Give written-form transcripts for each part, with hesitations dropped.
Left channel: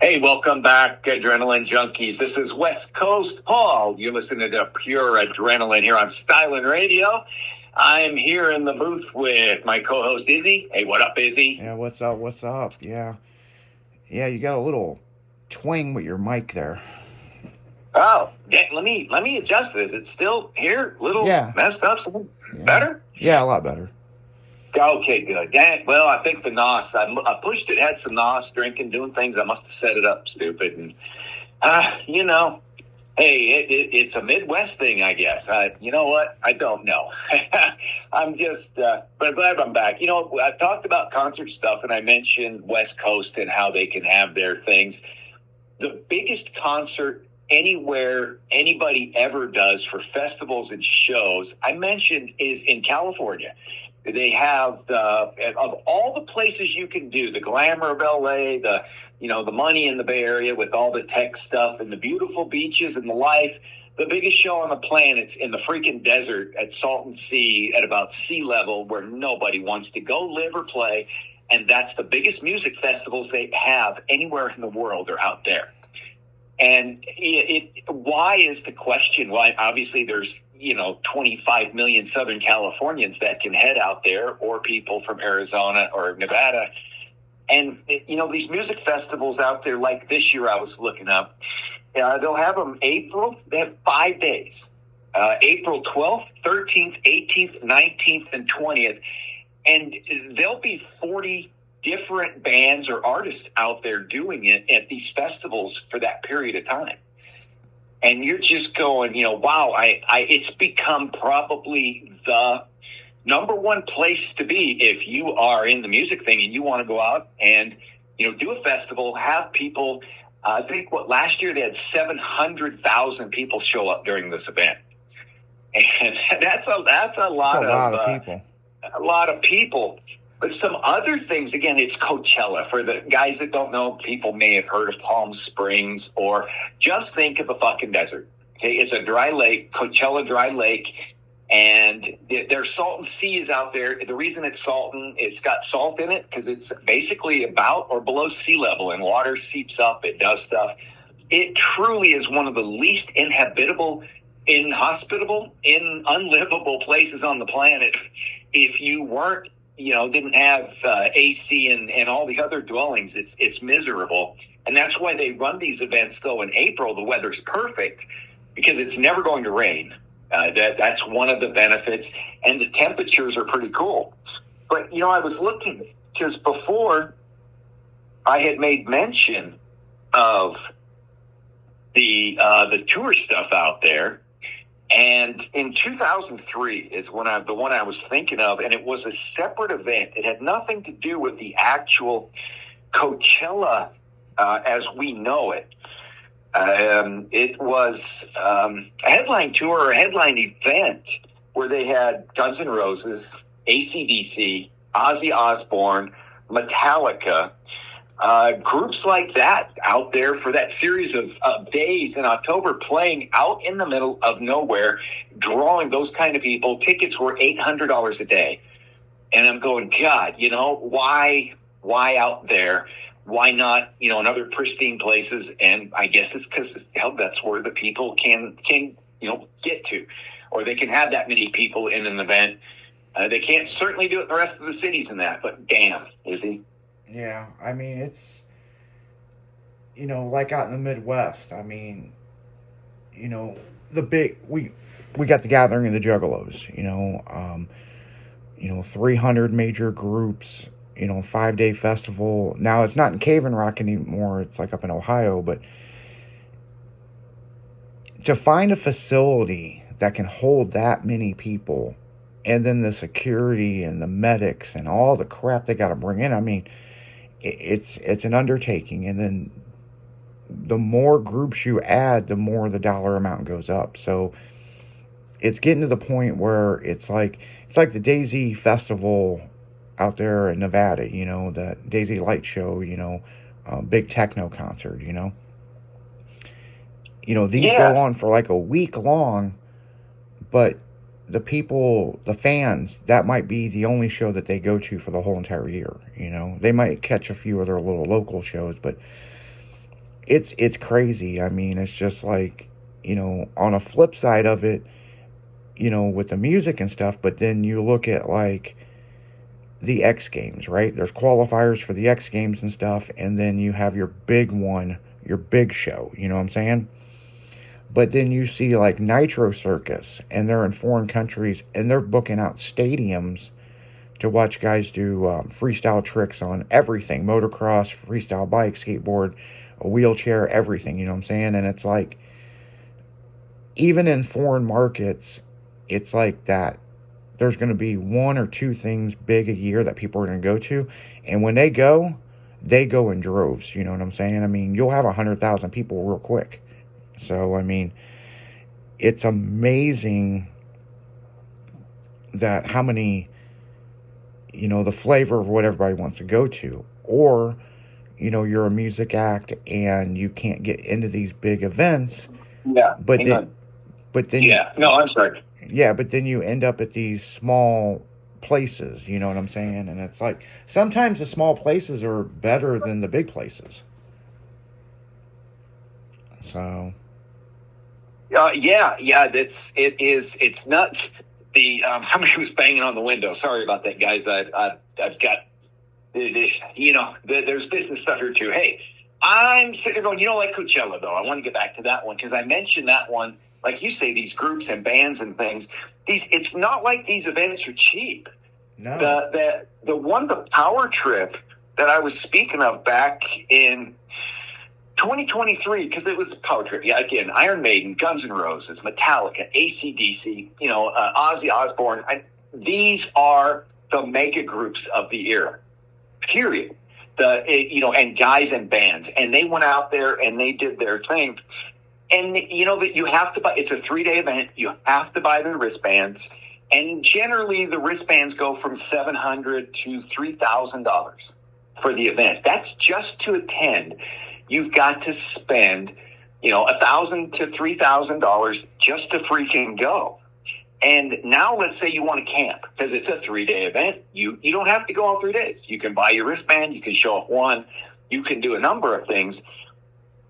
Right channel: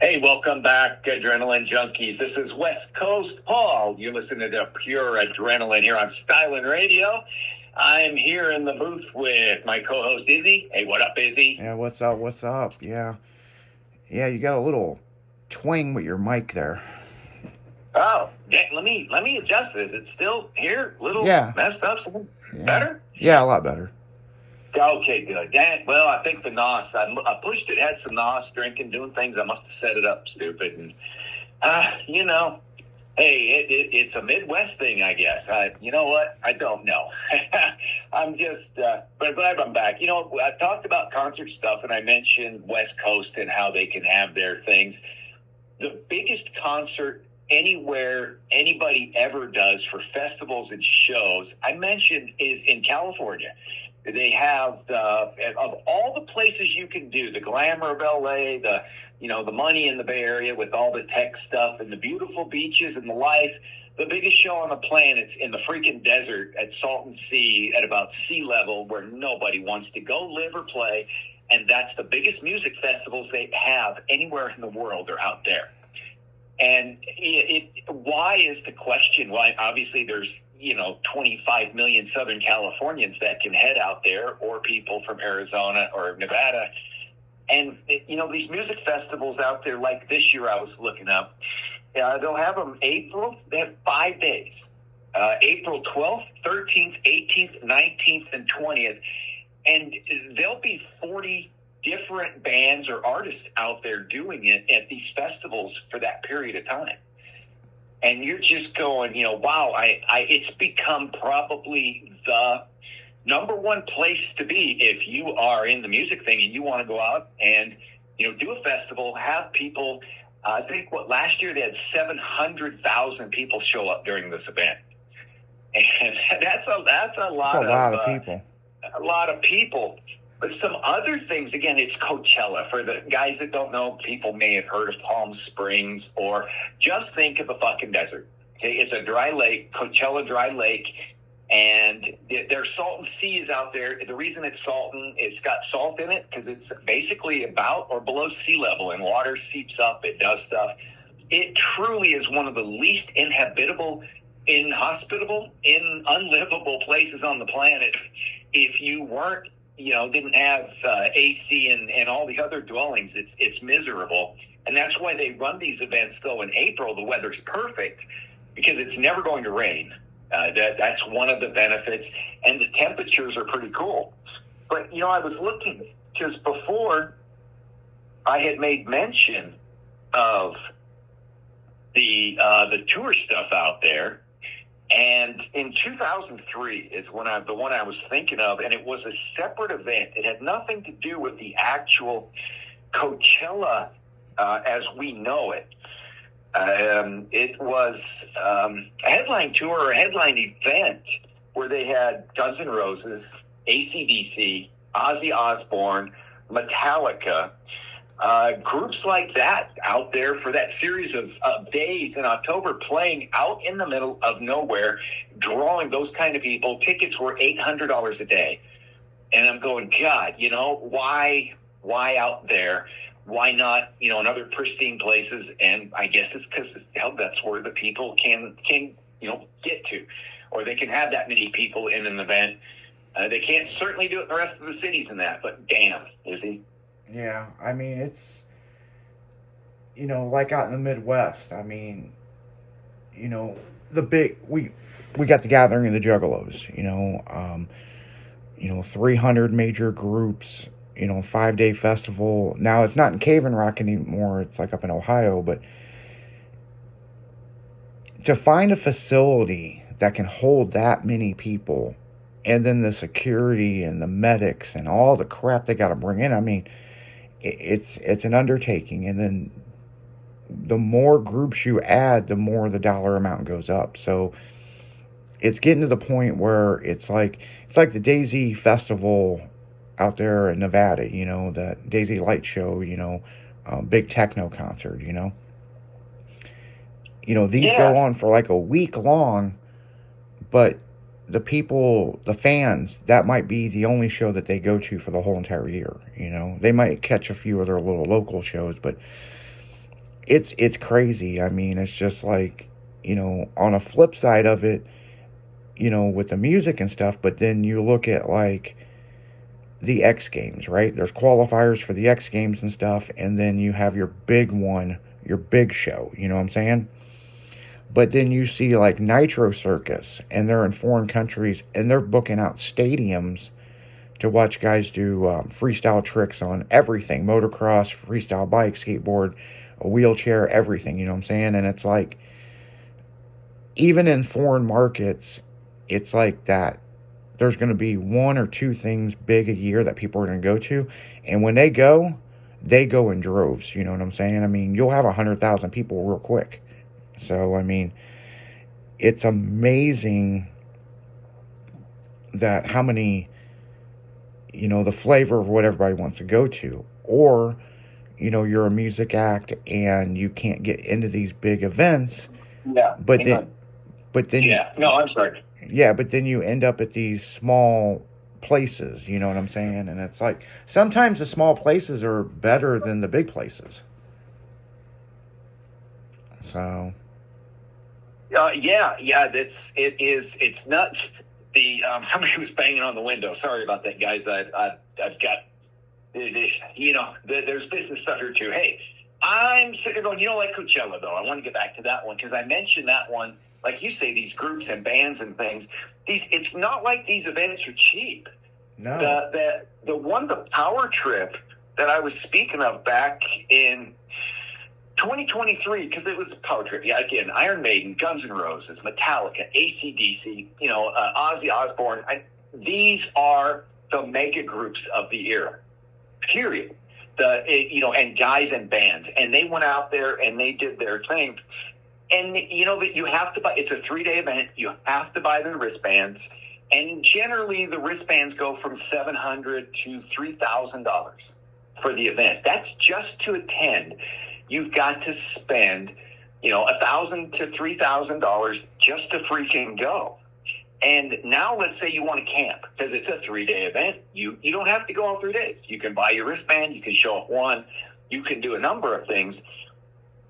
Hey, welcome back, Adrenaline Junkies. This is West Coast Paul. You're listening to Pure Adrenaline here on Styling Radio. I'm here in the booth with my co-host Izzy. Hey, what up, Izzy? Yeah, what's up? What's up? Yeah. Yeah, you got a little twang with your mic there. Oh, yeah, let me adjust this. It's still here, little Yeah. messed up. Something Yeah. better? Yeah, a lot better. Okay, good. Well, I think the NOS, I pushed it, had some NOS, drinking, doing things. I must have set it up stupid. And, hey, it's a Midwest thing, I guess. You know what? I don't know. I'm just, but I'm glad I'm back. I talked about concert stuff, and I mentioned West Coast and how they can have their things. The biggest concert anywhere anybody ever does for festivals and shows, I mentioned, is in California. They have of all the places you can do, the glamour of LA, the money in the Bay Area with all the tech stuff and the beautiful beaches and the life. The biggest show on the planet's in the freaking desert at Salton Sea at about sea level where nobody wants to go live or play. And that's the biggest music festivals they have anywhere in the world are out there. And why is the question? Why? Obviously, there's 25 million Southern Californians that can head out there, or people from Arizona or Nevada. And these music festivals out there, like this year, I was looking up. They'll have them April. They have 5 days: April 12th, 13th, 18th, 19th, and 20th. And there'll be 40 different bands or artists out there doing it at these festivals for that period of time. And you're just going, wow, it's become probably the number one place to be if you are in the music thing and you want to go out and, do a festival, have people. I think last year they had 700,000 people show up during this event. And that's a lot of people. A lot of people. But some other things, again, it's Coachella. For the guys that don't know, people may have heard of Palm Springs, or just think of a fucking desert. Okay, it's a dry lake, Coachella Dry Lake, and their Salton Sea is out there. The reason it's Salton, it's got salt in it because it's basically about or below sea level, and water seeps up, it does stuff. It truly is one of the least inhospitable, unlivable places on the planet. If you weren't, didn't have AC and all the other dwellings, it's miserable. And that's why they run these events, though, in April. The weather's perfect because it's never going to rain. That's one of the benefits. And the temperatures are pretty cool. But, I was looking because before I had made mention of the tour stuff out there. And in 2003 is the one I was thinking of, and it was a separate event. It had nothing to do with the actual Coachella as we know it. It was a headline tour or a headline event where they had Guns N' Roses, AC/DC, Ozzy Osbourne, Metallica, groups like that out there for that series of days in October, playing out in the middle of nowhere, drawing those kind of people. Tickets were $800 a day. And I'm going, God, why out there? Why not, in other pristine places? And I guess it's because that's where the people can get to, or they can have that many people in an event. They can't certainly do it in the rest of the cities in that, but damn, Izzy. Yeah, I mean, it's, like out in the Midwest, I mean, we got the Gathering of the Juggalos, 300 major groups, 5-day festival. Now, it's not in Cave in Rock anymore. It's like up in Ohio, but to find a facility that can hold that many people, and then the security and the medics and all the crap they got to bring in, I mean, it's an undertaking. And then the more groups you add, the more the dollar amount goes up. So it's getting to the point where it's like the Daisy Festival out there in Nevada, that Daisy Light Show, big techno concert, these go on for like a week long, but the people, the fans, that might be the only show that they go to for the whole entire year. They might catch a few other little local shows, but it's crazy. I mean, it's just like, on a flip side of it, with the music and stuff, but then you look at like the X Games, right? There's qualifiers for the X Games and stuff, and then you have your big one, your big show, you know what I'm saying? But then you see like Nitro Circus, and they're in foreign countries, and they're booking out stadiums to watch guys do freestyle tricks on everything: motocross, freestyle bike, skateboard, a wheelchair, everything, you know what I'm saying? And it's like, even in foreign markets, it's like that. There's going to be one or two things big a year that people are going to go to. And when they go in droves. You know what I'm saying? I mean, you'll have 100,000 people real quick. So, I mean, it's amazing that how many, the flavor of what everybody wants to go to. Or, you're a music act and you can't get into these big events. Yeah. But then, yeah. No, I'm sorry. Yeah, but then you end up at these small places, you know what I'm saying? And it's like, sometimes the small places are better than the big places. So. Yeah. It's nuts. The somebody was banging on the window. Sorry about that, guys. I've got there's business stuff here too. Hey, I'm sitting there going, like Coachella though. I want to get back to that one because I mentioned that one. Like you say, these groups and bands and things. It's not like these events are cheap. No. The one, the Power Trip that I was speaking of back in 2023, because it was a Power Trip. Yeah, again, Iron Maiden, Guns N' Roses, Metallica, AC/DC, Ozzy Osbourne. These are the mega groups of the era. Period. And guys and bands, and they went out there and they did their thing. And that you have to buy. It's a 3-day event. You have to buy the wristbands, and generally the wristbands go from $700 to $3,000 for the event. That's just to attend. You've got to spend, $1,000 to $3,000 just to freaking go. And now let's say you want to camp because it's a 3-day event. You don't have to go all 3 days. You can buy your wristband. You can show up one. You can do a number of things.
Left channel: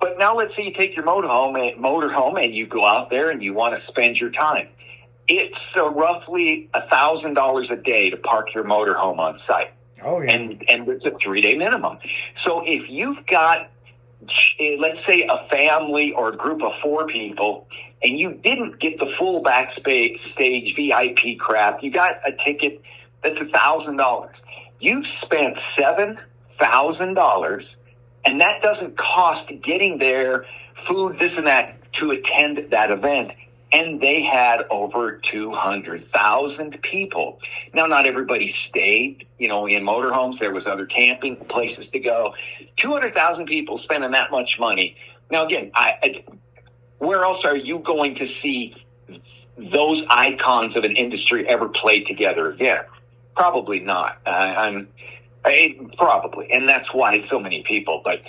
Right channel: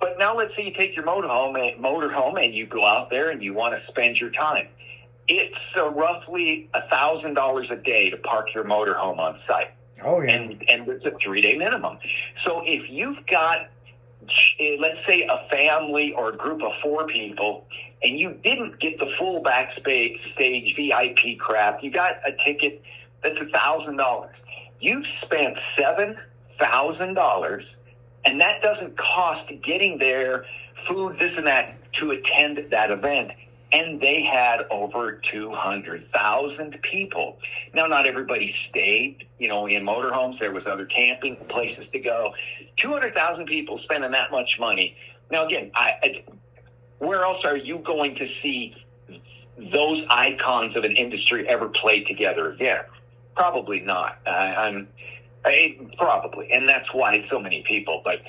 But now let's say you take your motorhome and you go out there and you want to spend your time. It's roughly $1,000 a day to park your motorhome on site. Oh, yeah. And it's a 3-day minimum. So if you've got, let's say, a family or a group of 4 people, and you didn't get the full backstage VIP crap, you got a ticket that's $1,000. You've spent $7,000. And that doesn't cost getting there, food, this and that, to attend that event. And they had over 200,000 people. Now, not everybody stayed, in motorhomes. There was other camping places to go. 200,000 people spending that much money. Now, again, where else are you going to see those icons of an industry ever played together again? Probably not. Probably, and that's why so many people. But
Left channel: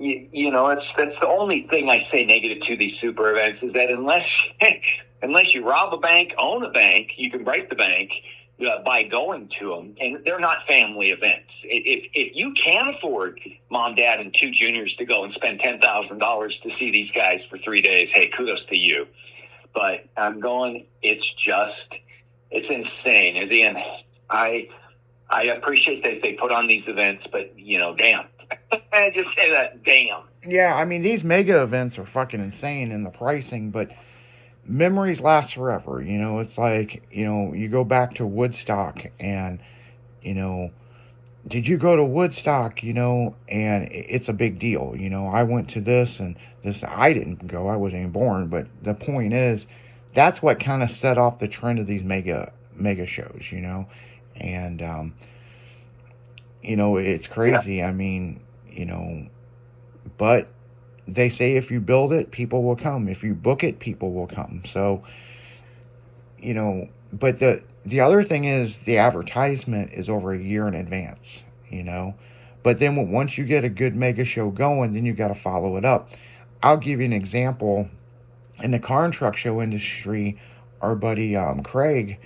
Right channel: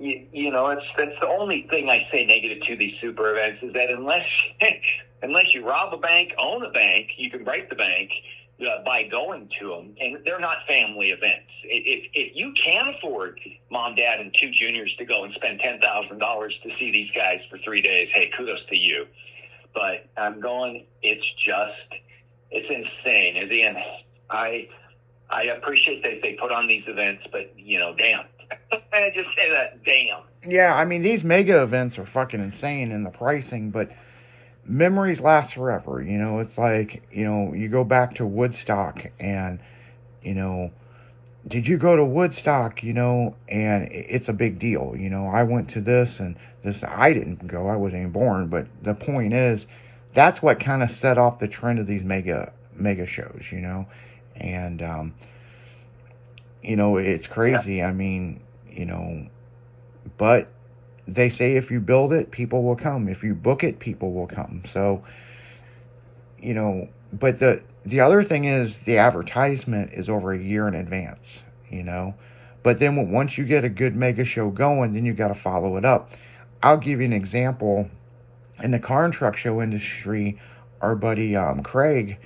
that's the only thing I say negative to these super events is that unless you rob a bank, own a bank, you can break the bank by going to them, and they're not family events. If you can afford mom, dad, and 2 juniors to go and spend $10,000 to see these guys for 3 days, hey, kudos to you. But I'm going. It's insane. As in, I appreciate that they put on these events, but, damn. I just say that, damn. Yeah, I mean, these mega events are fucking insane in the pricing, but memories last forever. It's like, you go back to Woodstock and, did you go to Woodstock, and it's a big deal. I went to this and this. I didn't go. I wasn't even born. But the point is, that's what kind of set off the trend of these mega shows, And, it's crazy. Yeah. I mean, but they say if you build it, people will come. If you book it, people will come. So, but the other thing is the advertisement is over a year in advance, But then once you get a good mega show going, then you got to follow it up. I'll give you an example. In the car and truck show industry, our buddy Craig,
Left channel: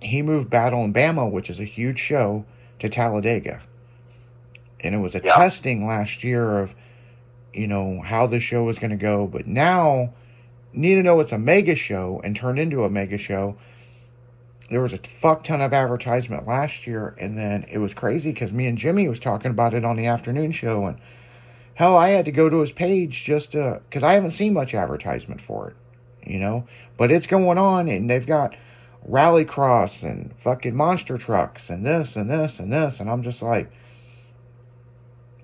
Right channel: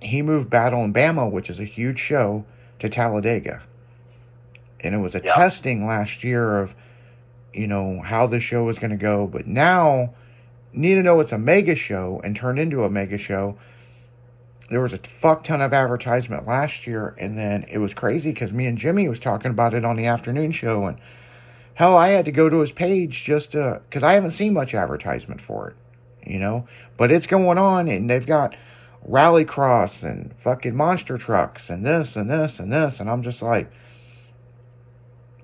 he moved Battle in Bama, which is a huge show, to Talladega. And it was a testing last year of how the show was going to go. But now, need to know it's a mega show and turned into a mega show. There was a fuck ton of advertisement last year, and then it was crazy because me and Jimmy was talking about it on the afternoon show, and hell, I had to go to his page just because I haven't seen much advertisement for it, but it's going on, and they've got rallycross and fucking monster trucks and this and this and this, and I'm just like,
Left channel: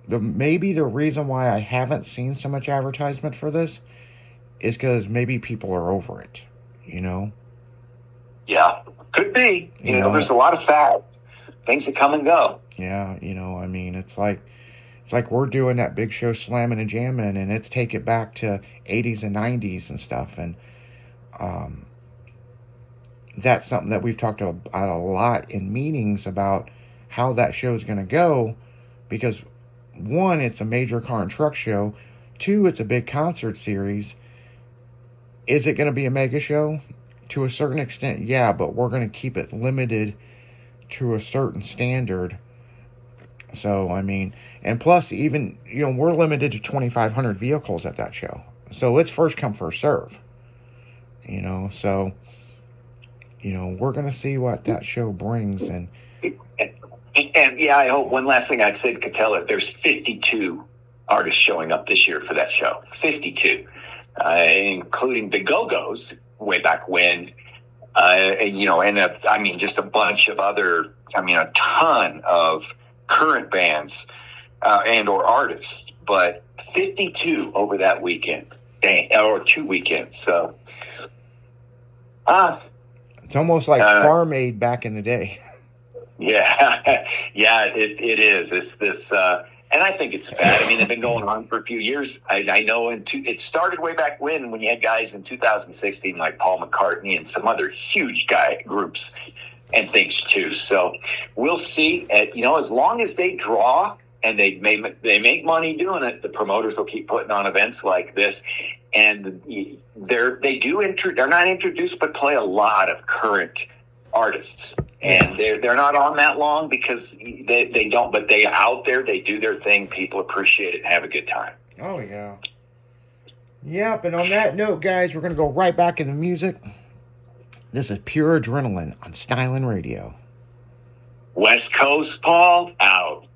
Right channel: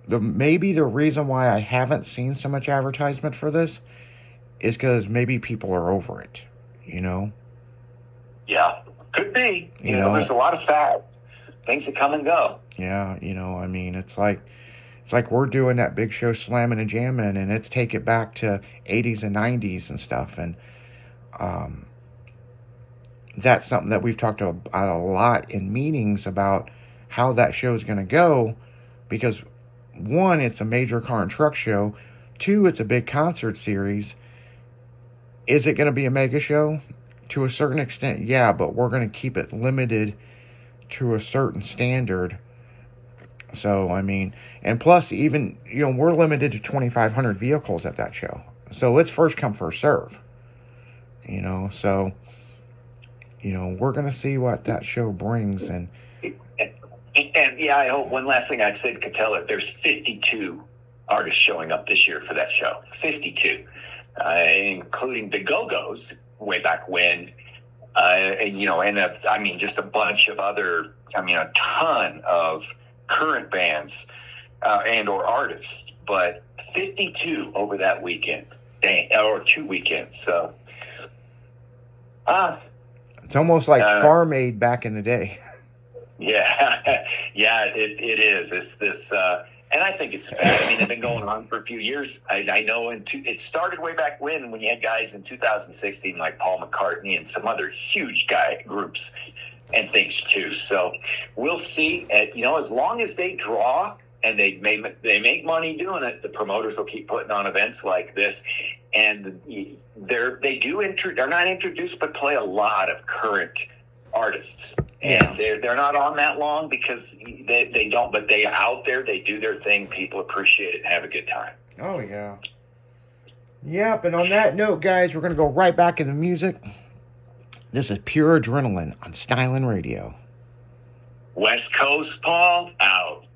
maybe the reason why I haven't seen so much advertisement for this is because maybe people are over it. Yeah, could be. There's a lot of fads, things that come and go. Yeah, it's like we're doing that big show slamming and jamming, and it's take it back to 80s and 90s and stuff, and that's something that we've talked about a lot in meetings about how that show is going to go, because one, it's a major car and truck show. Two, it's a big concert series. Is it going to be a mega show? To a certain extent, yeah, but we're going to keep it limited to a certain standard. So, and plus, even, we're limited to 2,500 vehicles at that show. So it's first come, first serve. So, we're going to see what that show brings. And yeah, I hope one last thing I said, Catella, there's 52 artists showing up this year for that show. 52, including the Go-Go's way back when, and just a bunch of other, a ton of current bands and or artists, but 52 over that weekend, or 2 weekends. So it's almost like Farm Aid back in the day. Yeah, yeah, it is. This and I think it's fair. It's been going on for a few years. I know it started way back when you had guys in 2016 like Paul McCartney and some other huge groups and things too. So we'll see. As long as they draw and they make money doing it, the promoters will keep putting on events like this. And they're not introduced, but play a lot of current artists. And they're not on that long because they don't, but they out there, they do their thing. People appreciate it and have a good time. Oh, yeah. Yep, and on that note, guys, we're going to go right back into music. This is Pure Adrenaline on Stylin' Radio. West Coast, Paul, out.